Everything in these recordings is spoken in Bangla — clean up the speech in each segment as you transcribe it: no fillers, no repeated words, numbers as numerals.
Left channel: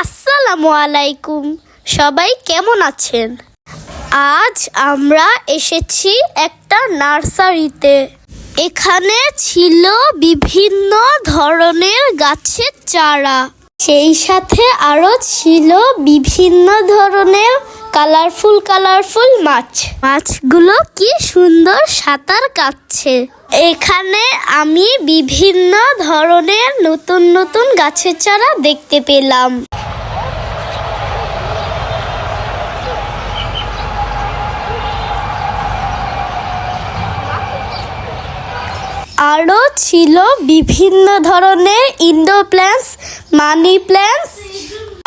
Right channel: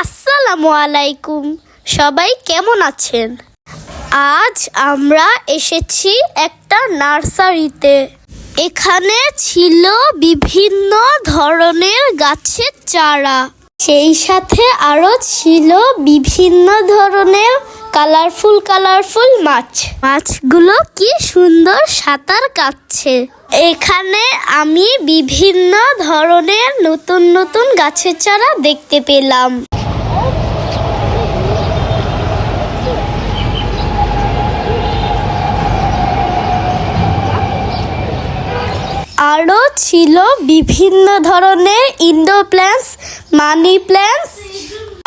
আসসালামু আলাইকুম, সবাই কেমন আছেন? আজ আমরা এসেছি একটা নার্সারিতে। এখানে ছিল বিভিন্ন ধরনের গাছের চারা, সেই সাথে আরো ছিল বিভিন্ন ধরনের কালারফুল মাছগুলো কি সুন্দর সাঁতার কাটছে। এখানে আমি বিভিন্ন ধরনের নতুন গাছের চারা দেখতে পেলাম। আরও ছিল বিভিন্ন ধরনের ইনডোর প্ল্যান্টস, মানি প্ল্যান্টস,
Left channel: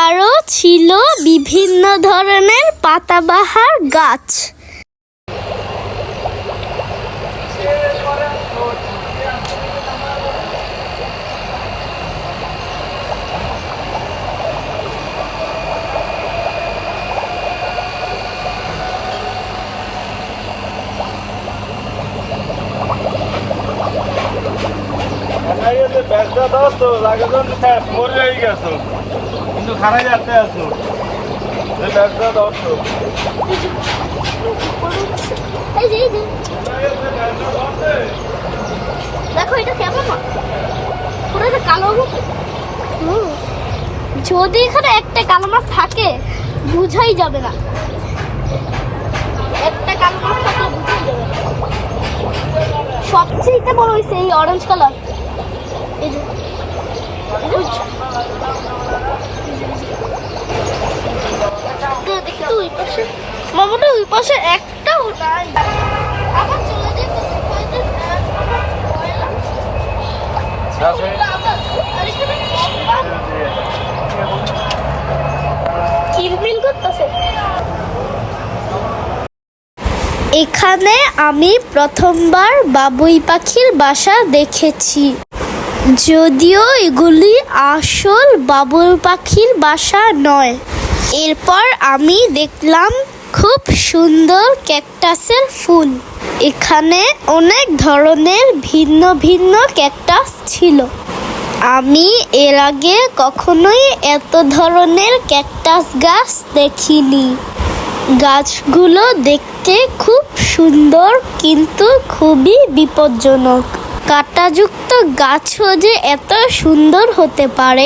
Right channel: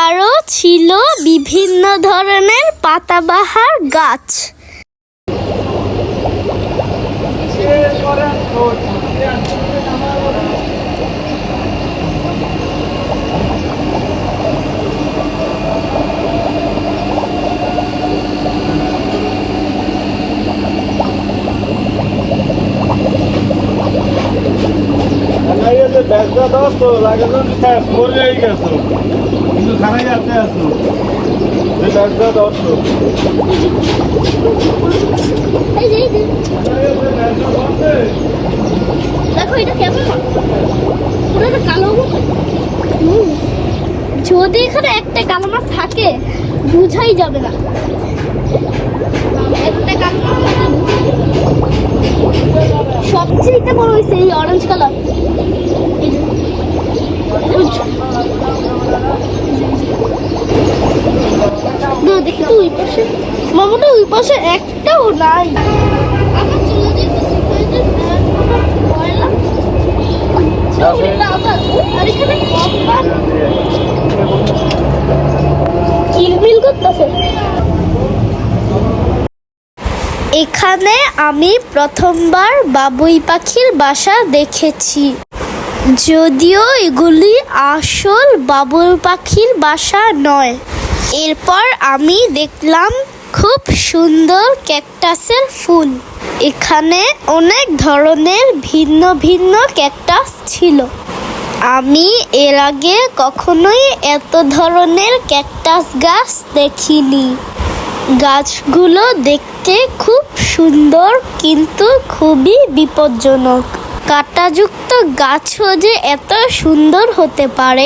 আরও ছিল বিভিন্ন ধরনের পাতাবাহার গাছ। দেখো এটা কেমন, কালো যদি এখানে একটা কালো মাছ থাকে বুঝাই যাবে না। একটা কালো মাছ থাকে, সবচেয়ে বড় হয়েছে এই অরেঞ্জ কালার। দেখতে ওই পাশে মামাটা, ওই পাশে একটাও নাই। আবার চলে যেতে এখানে আমি প্রথমবার বাবুই পাখির বাসা দেখেছি, যদিও এগুলি আসল বাবুই পাখির বাসা নয়। এরপর আমি দেখলাম খুব সুন্দর ক্যাকটাসের ফুল। এখানে অনেক ধরনের ভিন্ন ক্যাকটাস ছিল। আমি এর আগে কখনোই এত ধরনের ক্যাকটাস গাছ দেখিনি। গাছগুলো দেখতে খুব সুন্দর, কিন্তু খুবই বিপজ্জনক। কাঁটাযুক্ত গাছও যে এত সুন্দর হতে পারে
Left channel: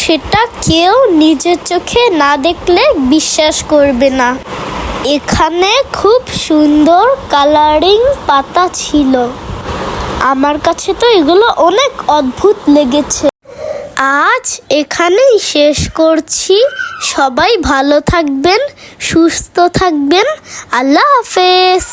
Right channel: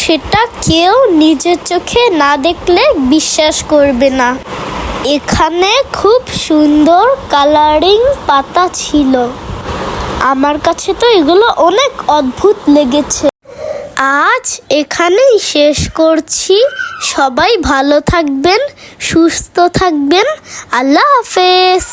সেটা কেউ নিজের চোখে না দেখলে বিশ্বাস করবে না। এখানে খুব সুন্দর কালারিং পাতা ছিল। আমার কাছে তো এগুলো অনেক অদ্ভুত লেগেছে। আজ এখানেই শেষ করছি। সবাই ভালো থাকবেন, সুস্থ থাকবেন। আল্লাহ হাফেজ।